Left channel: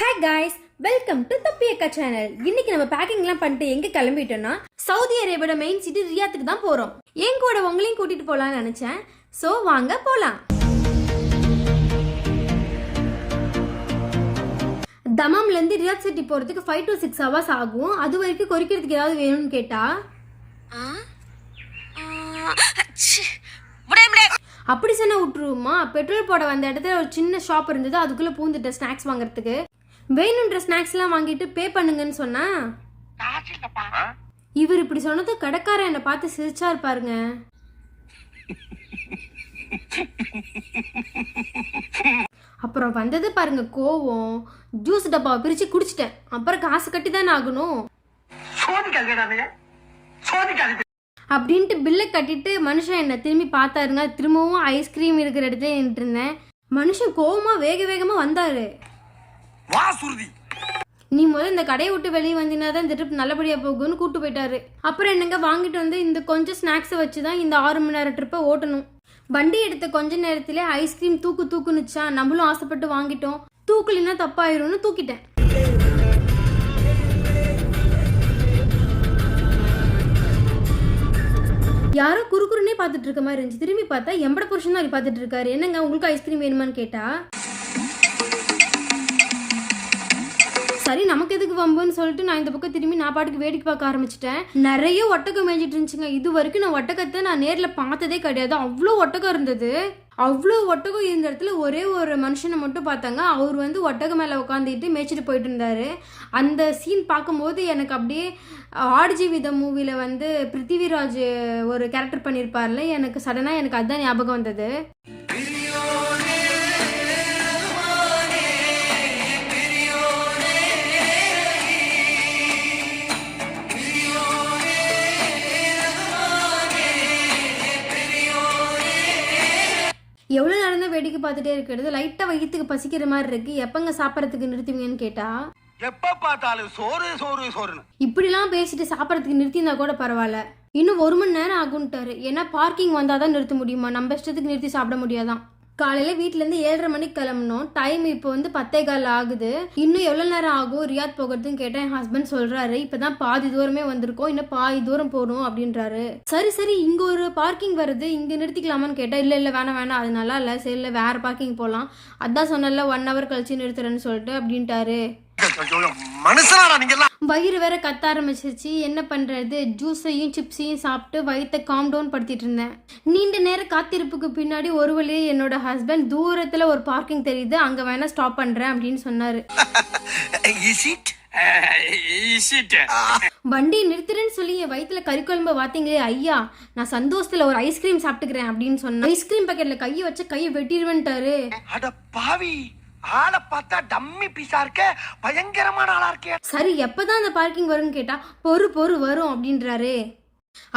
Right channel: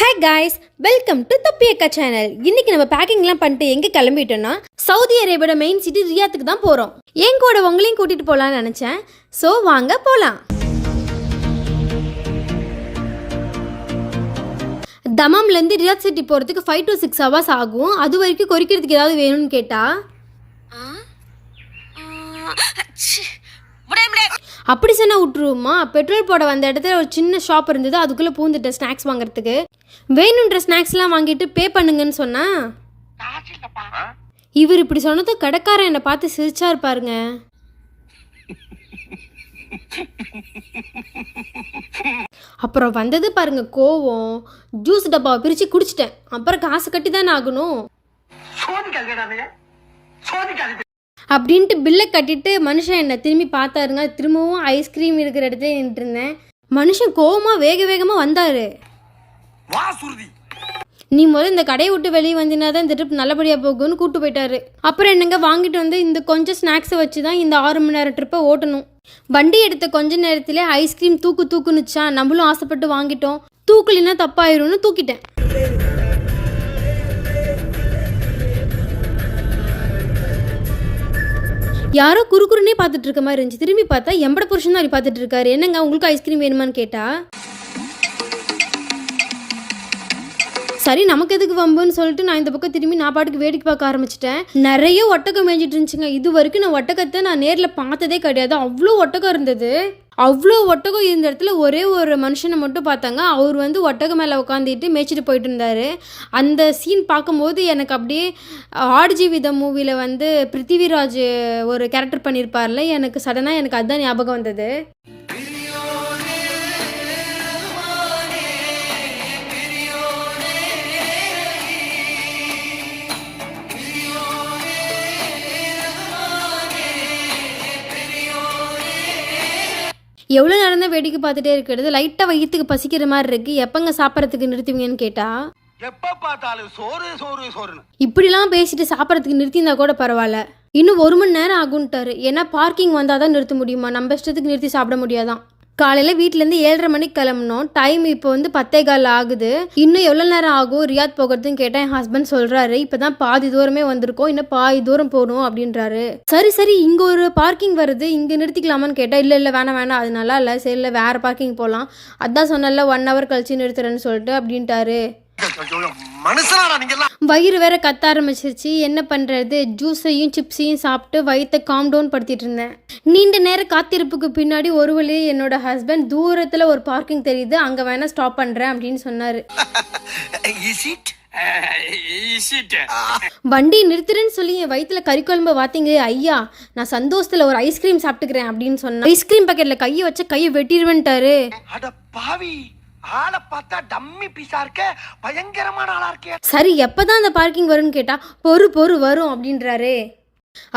Hi guys welcome to தப்பியக்கா channel இன்னைக்கு நம்ம பேக்கிங்லாம் பண்ணிட்டு எங்கே கிளம்பிட்டோம்னா சவுதி அரேபியோட மெயின் சிட்டி ரியாத்துக்கு தான் போகிறோம் என் கூட உங்களையும் கூட்டிகிட்டு போகலான்னு நினச்சேன். ஸோ வாங்க போகலாம் தமாம்லேருந்து ரியாத் சிட்டி போகிறதுக்கு ஃபைவ் டு சிக்ஸ் ஹவர்ஸ் ஆகும். அது வரைக்கும் கொறிக்கிறதுக்கு ஏதாவது வேணும்னு கேட்டால் அப்படி சொன்னா விட்டுருவோமா பெட்ரோல் போட வந்த இடத்துல ஒரு சின்ன ஷாப் இருந்தது அதுக்குள்ளே பூந்துட்டேன் ஸ்நாக்ஸ் வாங்குறதுக்கு. வேணுன்ற ஸ்நாக்ஸ்லாம் வாங்கிட்டு பே பண்ணுங்கன்னு சொன்னா? இவர் இப்படி சொன்னதும் கடைக்காரன் என்னை பார்த்து சிரிச்சா இருப்பாருங்க. அப்புறம் வந்தது பாருங்க கோவம். ஜூஸ் டப்பாவை பிரித்து குடிச்சிட்டேன். அப்புறம் காசு கட்டி தானே ஆகணும் அப்படின்ட்டு பில்லை கட்டிட்டு மனுஷன் என்னை திரும்பி பார்த்தாருங்க. திரும்பவும் ஐஸ்கிரீம் இருக்கிற இடத்துல நின்றுட்டு இருந்தேன். மனுஷன் கோவமா வேக வேகமாக வந்தார். நீ முதல்ல இந்த கடையை விட்டு வெளியே வந்தினா தான் இந்த ட்ரிப் நல்லபடியாக போகும்னு கூட்டு போயிட்டாரு. அப்புறம் என்னங்க வாங்கிட்டு வந்து இந்த கொஞ்சம் ஸ்நாக்ஸை வச்சு தான் இந்த ஆறு மணி நேரம் ட்ரிப்பை ஓட்டணும். வண்டி எடுத்த கொஞ்ச நேரத்திலே ஐஸ்கிரீம் தூக்கு தூக்குனுச்சா? நம்மளும் ஆசைப்பட்டு வாங்கிட்டோம். தூக்கலினா தப்பாயிரும்னு தூக்கிட்டேன். யாரோ குறுக்குறுனே பார்த்துட்டு இருக்க மாதிரி இருந்துச்சு. திரும்பி பார்த்தா எம்பட புருஷன் தான் அப்படி பார்த்துட்டு இருக்காரு. என்னங்க உங்களுக்கு ஐஸ்கிரீம் வேணுமான்னு கேட்டா? சரி நமக்கு எதுக்கு வம்புன்னு சொல்லிட்டு நான் இந்த பக்கம் திரும்பி நான் பாட்டுக்கு வேடிக்கை பார்க்க ஆரம்பிச்சிட்டேன். நிறைய ஒட்டகம் மேய்ஞ்சிட்டு இருந்துச்சுங்க. இது வரைக்கும் நான் ஒட்டகத்தை நான் நேரில் பார்த்ததே கிடையாது. அவ்வளோ ஒட்டகம் இருந்தது. அவ்வளோ ஒட்டகம் இருந்த இடத்துல ஒரே ஒரு மனுஷனை மட்டும் பார்த்தாங்க. அவர் வந்து ஒட்டகம் மேலே உட்காந்துட்டு மேய்ச்சிட்டு போயிட்டு இருந்தார். அந்த சீன் பார்க்கும்போது எனக்கு அப்படியே ஆடுஜீவிதம் மூவியில் வந்து பிருத்திவிராஜ் ஒரு கேரக்டர் பண்ணியிருப்பார்ல எனக்கு சடனாக எனக்கு அதுதான் ஞாபகம் வந்தது. எவ்வளோ நேரம் தான் வேடிக்கை பார்த்துட்டே இருக்கிறது? லைட்டாக வயிற்றுக்கு பசிக்கிற மாதிரி இருக்கு. எப்பங்க சாப்பிட்றதுக்கு நிறுத்துவீங்கன்னு கேட்டா? எப்ப பார்த்தாலும் சோறு சோறு சோறுன்னு. இப்படிலாம் பேசிட்டு சாப்பிட்றதுக்கு நிறுத்தியிருந்தா கூட பரவாயில்ல. இன்னும் ஒரு மணி நேரம் ஆகுன்ட்டாரு ஏன்னா பார்க்கிங் வந்தால் தான் நிறுத்த முடியுமா? நம்ம இஷ்டத்துக்கு நிறுத்தி சாப்பிட முடியாதான். காலையில் வீட்டிலேருந்து ஏழரை மணிக்கு கிளம்புனோம். டைம் இப்போ வந்து பத்தே கால் ஆகுது. இன்னும் எவ்வளோ நேரம் ஆகும்? ரியாத் போகிறதுன்னு கேட்டேன் என் ஹஸ்பண்ட் சொல்கிறாரு இப்போ தான் பாதி தூரமே வந்திருக்கோம். இன்னும் பாதி தூரம் போகணும் அப்படின்றாரு. சரி சரி இங்கே ஒரு பார்க்கிங் வருது. இங்கே நிறுத்திக்கலாமான்னு கேட்டால் இல்லை இல்லை வேணாம் வேணாம். அது நல்லா இல்லை. சரி இல்லை வேறு பார்க்கிங் போகலாம் அதான் சொன்னல ஒன் ஹவர் கழிச்சு நிறுத்துறேன்னு சொல்லிட்டு அப்படின்ட்டாரு. நீங்க வயிறு வேற கத்த ஆரம்பிச்சிருச்சு. என்ன பண்ணுறது ஜூஸையும் சிப்ஸையும் சாப்பிட்டு வயிற்றை காம் டவுன் படுத்திட்டு இருந்தேன். நீண்ட நேர காத்திருப்புக்கு பின்னாடி ஒரு வழியே என்னோட ஹஸ்பண்ட் தூரத்தில் ஒரு பார்க்கிங் தெரியுது. அங்கே வேணால் ஸ்டாப் பண்ணுறேன் அப்படின்னு சொன்னார். வண்டி நிறுத்துறேன்னு சொல்லி என் வயிற்றுல கறிக்குழம்பு வாத்தீங்க ஐயா நான் சந்தோஷத்தில் ஒரு ஐஸ்கிரீம் சாப்பிட்டுக்கிறேன் அப்படின்னு சொன்னேன் ஐஸ்கிரீம் பாக்கெட்டில் கையை வச்சு கையை வெட்டிடுவேன்ட்டாரு. ஆளை பார்த்தா டம்மி பீஸா இருக்க பயங்கரமான ஆளா இருக்கே. சரி எப்பதான் அந்த பார்க்கிங் வரும்னு கேட்டா பொறு பொறு வரும் அப்படின்றாரு.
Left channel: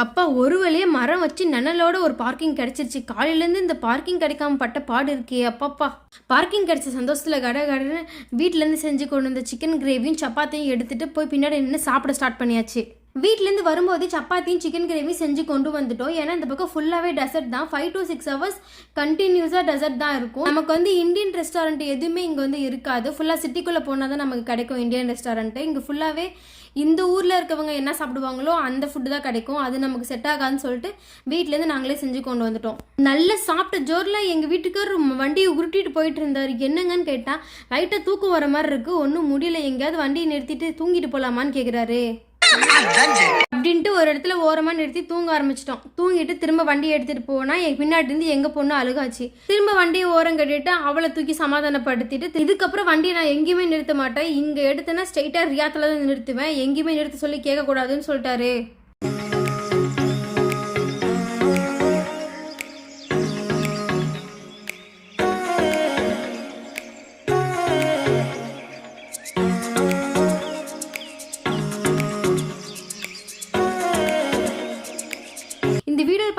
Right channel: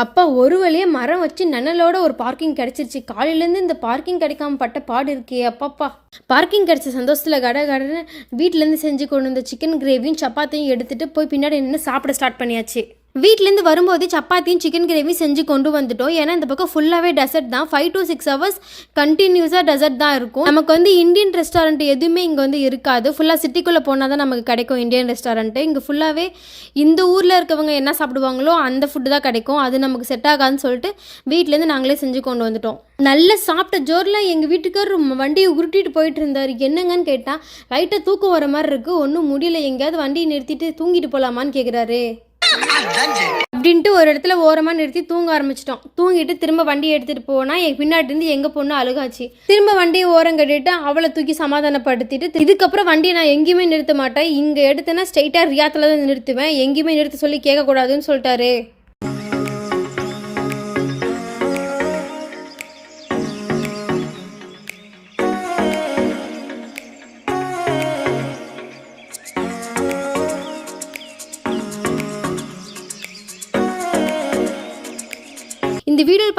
அப்பா ஒரு வழியே மரம் வச்சு நனலோட ஒரு பார்க்கிங் கிடைச்சிருச்சு. காலையிலேருந்து இந்த பார்க்கிங் கிடைக்காம பட்ட பாடு இருக்கே அப்பப்பா. பார்க்கிங் கிடைச்ச சந்தோஷத்தில் கட கடன்னு வீட்டிலேருந்து செஞ்சு கொண்டு வந்த சிக்கன் கிரேவியும் சப்பாத்தியும் எடுத்துகிட்டு போய் பின்னாடி நின்று சாப்பிட ஸ்டார்ட் பண்ணியாச்சு. வீட்டிலேருந்து வரும்போது சப்பாத்தியும் சிக்கன் கிரேவி செஞ்சு கொண்டு வந்துட்டோம். ஏன்னா இந்த பக்கம் ஃபுல்லாகவே டெசர்ட் தான். ஃபைவ் டு சிக்ஸ் ஹவர்ஸ் கண்டினியூஸாக டெசர்ட் தான் இருக்கும். நமக்கு வந்து இந்தியன் ரெஸ்டாரண்ட் எதுவுமே இங்கே வந்து இருக்காது. ஃபுல்லாக சிட்டிக்குள்ளே போனால் தான் நமக்கு கிடைக்கும் இந்தியன் ரெஸ்டாரண்ட்டு இங்கே ஃபுல்லாகவே இந்த ஊரில் இருக்கவங்க என்ன சாப்பிடுவாங்களோ அந்த ஃபுட்டு தான் கிடைக்கும். அது நமக்கு செட் ஆகாதுன்னு சொல்லிட்டு வீட்டிலேருந்து நாங்களே செஞ்சு கொண்டு வந்துட்டோம். நல்ல சாப்பிட்ட ஜோரில் எங்கள் வீட்டுக்கார் வண்டியை உருட்டிட்டு போயிட்டு இருந்தார். என்னங்கன்னு கேட்டால் லைட்டாக தூக்கம் வர மாதிரி இருக்குது ஒன்றும் முடியல. எங்கேயாவது வண்டியை நிறுத்திட்டு தூங்கிட்டு போகலாமான்னு கேட்குறாரு அப்படின்ட்டு ஒரு இடத்துல ஓரமாக நிறுத்தி தூங்க ஆரம்பிச்சிட்டோம். தூங்கிட்டு திரும்ப வண்டியை எடுத்துகிட்டு போனால் என் பின்னாடி இருந்து எங்கள் பொண்ணு அழுகாச்சு. திரும்ப வண்டியை ஓரம் கட்டிட்டு அவளை தூக்கி சமாதானப்படுத்திட்டு இதுக்கப்புறம் வண்டியை நான் எங்கேயுமே நிறுத்த மாட்டேன். இங்கே எடுத்தேன்னா ஸ்ட்ரைட்டாக ரியாத்தில் தான் நிறுத்துவேன். எங்கேயுமே நிறுத்த சொல்லி கேட்கக்கூடாதுன்னு சொல்லிட்டாரு.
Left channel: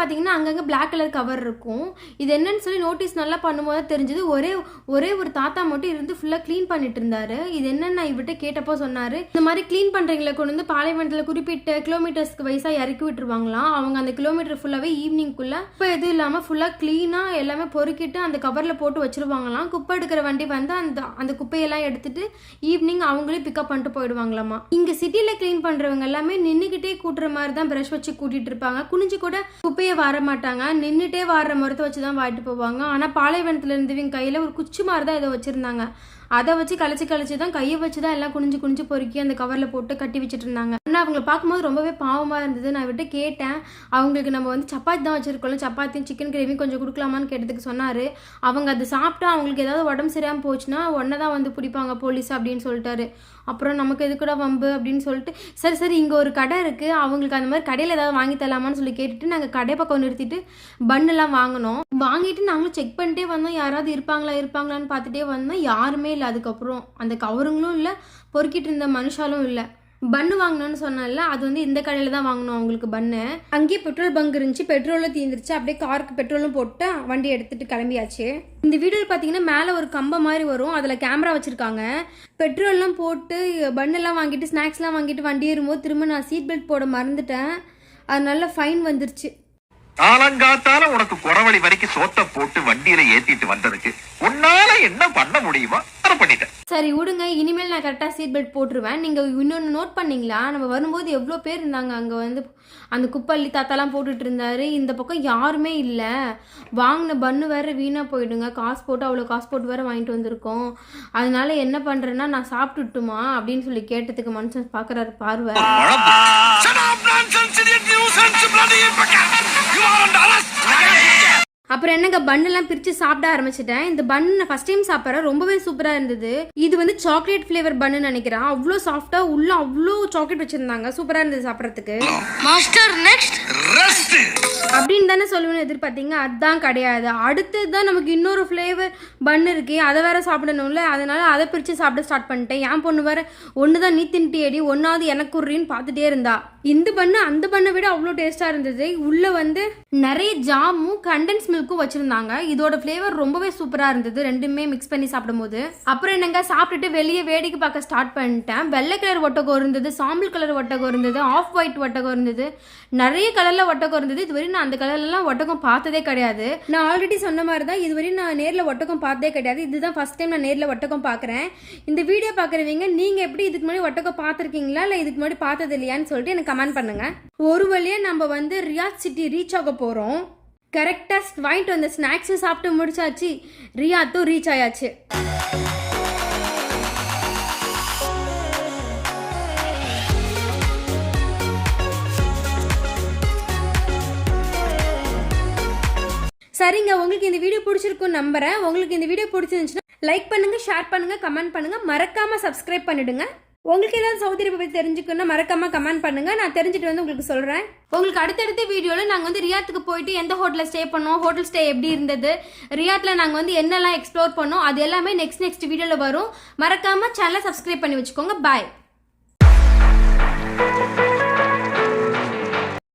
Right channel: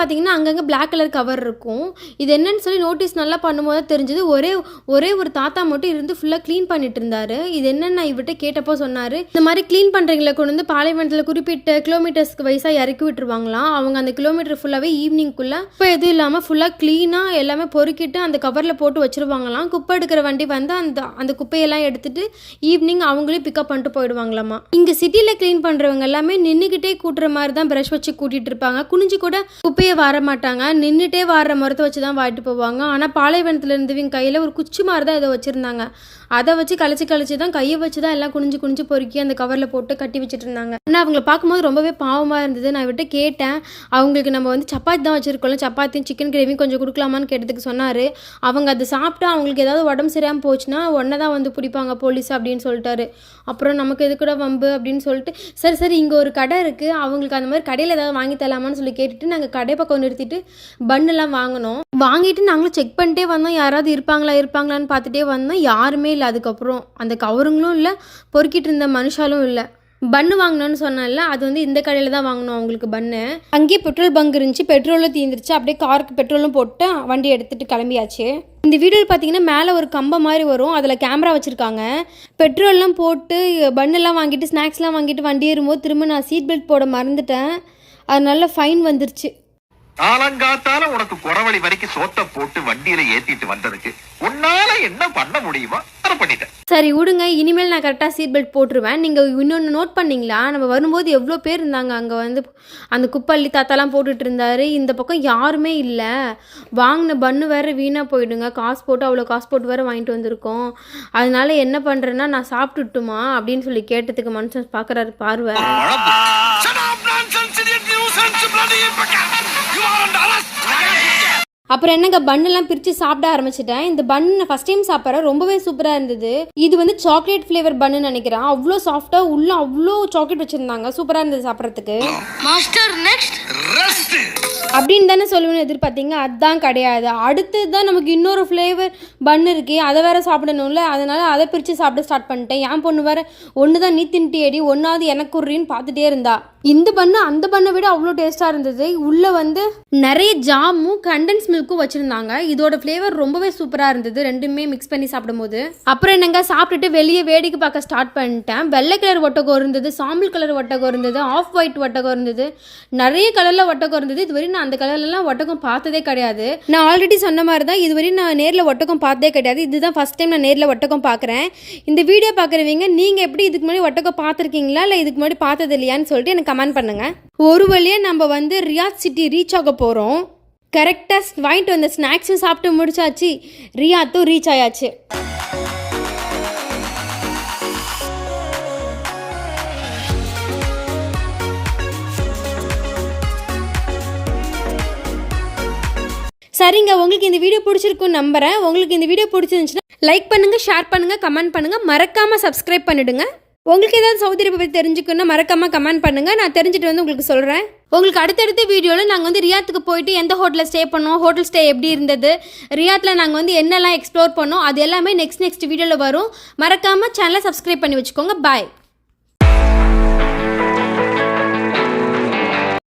பார்த்தீங்கன்னா அங்கங்கே பிளாக் கலர் கவர் இருக்கும். இது என்னன்னு சொல்லி நோட்டீஸ் நல்லா பண்ணும்போது தெரிஞ்சது. ஒரே ஒரே ஒரு தாத்தா மட்டும் இருந்து ஃபுல்லாக க்ளீன் பண்ணிட்டு இருந்தாரு. இது என்னன்னு நான் இவர்கிட்ட கேட்டப்போ சொன்னார். இந்த மாதிரி க்ளீன் பண்ணுறவங்களை கொண்டு வந்து பாலைவனத்தில் குறிப்பிட்ட கிலோமீட்டர்ஸ்க்கு வயசாக இறக்கி விட்டுருவாங்களாம். அவங்க அந்த கிலோமீட்டர் ஃபுல்லாகவே ஈவினிங்குள்ளே இப்போ எதுவும் இல்லாமல் ஃபுல்லாக க்ளீனாக எல்லாமே பொறுக்கிட்டு அந்த கவரில் போட்டு வச்சிருவாங்களாம். குப்பை எடுக்கிற வண்டி வந்து அந்த அந்த குப்பையெல்லாம் எடுத்துட்டு ஈவினிங் அவங்களே பிக்கப் பண்ணிட்டு போயிடுவாங்களாமா. இங்கே சிட்டியில் க்ளீன் பண்ணுறவங்க எல்லாமே நின்றுக்கிட்டே கூட்டுற மாதிரி தான் ப்ரஷ் வச்சு கூட்டிகிட்டு இருப்பாங்க. குனிஞ்சு கூட குப்பையை வர மாட்டாங்க நின்றுட்டே வாடுற முறத்தை வச்சு தான் வாட்டிட்டு போவாங்க. ஆனால் பாலைவனத்தில் இருந்தவங்க கையில் ஒரு குச்சி மாதிரி தான் இதை வச்சுருந்தாங்க. அதை வச்சு கழிச்சு கழிச்சு தான் கையை வச்சு தான் எல்லாம் குனிஞ்சு குனிஞ்சு பொறுக்கி அந்த கவரில் போட்டு கட்டி வச்சுட்டு இருந்தாங்க ஆனால் அவங்கள பார்க்கும்போது ரொம்பவே பாவமாக இருந்தது. நான் விட்டு கேட்டேன். அவங்களுக்கு நம்ம வந்து சப்பாத்தி தான் வச்சுருக்கோம்ல. சப்பாத்தியும் சிக்கன் கிரேவியும் கொஞ்சம் கொடுக்கலாமான்னு கேட்டதுக்கு சொன்னார். அவங்க அதை சாப்பிட்டா அவங்களுக்கு ஏதாவது உடம்பு சரியாமல் போச்சுன்னா உடனே தான் வந்து பிடிப்பாங்க போலீஸ் அப்படின்னு சொல்லிட்டாரு. அப்புறம் நமக்கு எதுக்குடா வம்பு அப்படின்னு சொல்லிட்டு சரி சரி இங்கே ஒரு கடை இருக்குது அவங்களுக்கு அந்த மாதிரி கடையில் ஏதாவது வாங்கி தரலாமான்னு சொல்லி கேட்டுட்டு நாங்கள் கடை பக்கம் நிறுத்திட்டு பண்ணெல்லாம் வாங்கினோம். வாங்கிட்டு நாங்களும் செக் பண்ணிட்டே வந்தோம். யாராவது இருப்பாங்களா இருப்பாங்களான்னு பார்த்துட்டே வந்தோம். யாருமே இல்லை. அதுக்கப்புறம் அந்த கவருங்களும் இல்லை. பொறுக்கிட்டு இருந்த மனுஷாலும் இல்லை. பன்னு வாங்கினோன்னு சொன்னால அது வந்து இந்த கடையில் தான் வாங்கினோம் அவங்களுக்கு பன்னு அங்கேயே பெட்ரோல் பங்க் இருந்துச்சு. பெட்ரோலும் தீந்துருச்சு. அப்படியே காருக்கு பெட்ரோலும் போட்டு வண்டி எடுத்துட்டு கிளம்பியாச்சு. இந்த வீடியோவில் பார்த்தீங்கன்னா மேலே ஒரு கம்பம் மாதிரி வரும். அதில் கேமரா வச்சுருக்காங்க. பெட்ரோல்லாம் போட்டு பன்னெல்லாம் வாங்கிட்டு ஸ்நாக்ஸ்லாம் வாங்கிட்டு வண்டி ஏறும்போது திரும்ப நான் சீட் பெல்ட் போட மறந்துட்டேன். அதனால ஃபைன் வந்துருச்சு. காலங்காத்தால உனக்கு குறவழி வரைக்கும் சோத்த போட்டு வண்டியில ஏத்திட்டு வந்ததுக்கு உன்னால என்ன பண்ண முடியுமோ அதை பண்ணிட்டேன். சரி விடுங்க. இனிமேல் நான் கரெக்டாக சீட் பெல்ட் போட்டுருவேன். நீங்கள் இன்னொன்று நோட் பண்ணீங்களா? நம்ம வரும்போது எவ்வளோ பேர் இருந்தாங்க? அங்கே வந்து அந்த குப்பள்ளி தாத்தாலாம் போட்டுட்டு இருந்தாரு. இந்த பக்கம் யாருமே இல்லை. வாங்கின பன்னு வேற வீணாக போயிடுங்க. காசு போட்டு அவ்வளோ காசு போட்டு வேற வாங்கிட்டு வந்திருக்கோம். அதனால என்ன பண்ணுறேன்னா நான் சாப்பிட்டுட்டுமா அப்படின்னு சொல்லி கேட்டதுக்கு மனுஷன் பார்க்குறாரு பார்வை. You are Dallas! அப்புறம் என்னங்க பன்னெல்லாம் பிரித்து சாப்பிட ஆரம்பிச்சிட்டேன். இந்த பன் நான் ஃபஸ்ட் டைம் சாப்பிட்றேன். ரொம்பவே சூப்பராக இருந்தது. இது வந்து சாக்லேட் ஃப்ளேவர் பன்னு நினைக்கிறேன். அவ்வளோ சாஃப்டாக உள்ள அவ்வளோ சாக்லேட் வச்சுருந்தாங்க. சூப்பராக இருந்தது சாப்பிட்றதுக்கு. Master next! அப்படின்னு தானே சொல்லுவேன்னு எதிர்பார்த்தீங்க. அதுதான் கிடையாது. அடுத்தது தான் நமக்கு இன்னொரு ஃப்ளேவர் பன் இருக்கே. அதை வேற சாப்பிடணும்ல. அதனால அதை பிரித்து சாப்பிட ஸ்டார்ட் பண்ணிட்டேன். என் பொண்ணு வேற ஒன்று தான் நீ தின்ட்டியடி ஒன்றாவது எனக்கு உரின்னு பார்த்துட்டே இருந்தா. இந்த பண்ணு அந்த பண்ணை விட அவ்வளோ டேஸ்ட்டாக இருந்தது. உள்ளே வந்து நிறைய ஜாமும் கண்டன்ஸ் மில்க்கும் வச்சுருந்தாங்க. இதோட ஃப்ளேவர் ரொம்பவே சூப்பராக இருந்தது. ரெண்டுமே மிக்ஸ் பண்ணி சாப்பிடும்போது. அப்புறம் என்னங்க சாப்பிட்டுட்டு வெளியே வேடிக்கை பார்க்க ஸ்டார்ட் பண்ணிட்டேன். வெள்ளை கலர் ஒட்டகம் இருந்தது சாம்பல் கலர் ஒட்டகம் இருந்தது ஆஃப் ஒயிட் ஒட்டகம் இருந்தது. நிறைய கலரில் ஒட்டகம் இருந்தது. இதுவரை நான் அந்த கலர்லலாம் ஒட்டகம் பார்த்ததே கிடையாது. நான் ஆல்ரெடி சொன்ன மாதிரி தான் இதுவரை நான் நேரில் ஒட்டகம் பார்த்ததே கிடையாது. இதுதான் ஃபஸ்ட் டைம் நான் நேரில் ஒட்டகம் பார்க்குறேன். இந்த வீடியோ பார்க்குறவங்க நீங்கள் எப்படி இதுக்கு முன்னாடி ஒட்டகம் பார்த்துருக்கீங்களா? இல்லை இதுக்கு முன்னாடி பார்த்தது இல்லையான்னு சொல்லிட்டு எனக்கு கமெண்ட் பண்ணுங்கள் ஒரு வழியாக நம்ம வந்து ரியாத் சிட்டி ரீச் ஆக போகிறோம் கரெக்டாக வாங்கிட்டு வந்த ஸ்நாக்ஸும் சாப்பிட்டு முடிச்சாச்சு. ரியாத்தும் ரீச் ஆயாச்சு. சரிங்க உங்களுக்கு இந்த வீடியோ பிடிச்சிருக்குன்னு நம்புகிறேன் உங்களுக்கு இந்த வீடியோ பிடிச்சிருந்துச்சுன்னா லைக் பண்ணுங்கள் ஷேர் பண்ணுங்கள் கமெண்ட் பண்ணுங்கள் மறக்காமல் சப்ஸ்கிரைப் பண்ணிவிடுங்க உங்களுக்கு ஏதாவது சவுதி பற்றி தெரிஞ்சுக்கணும்னா மறக்காமல் கமெண்ட் பண்ணுங்கள் நான் தெரிஞ்சுட்டு வந்து உங்களுக்கு சொல்கிறேன் உங்களுக்கு அடுத்தடுத்த வீடியோவில் நாங்கள் வந்து ரியாத்துக்கு போயிட்டு எந்த ஹோட்டலில் ஸ்டே பண்ணோம் ஹோட்டல் ஸ்டே எப்படி இருந்தது ரியாத்தில் நாங்கள் வந்து என்னெல்லாம் எக்ஸ்ப்ளோர் பண்ணோம் அது எல்லாமே நெக்ஸ்ட் நெக்ஸ்ட் வீடியோவில் வரும். மறக்காமல் சேனலை சப்ஸ்கிரைப் பண்ணி வச்சுக்கோங்க. பாய்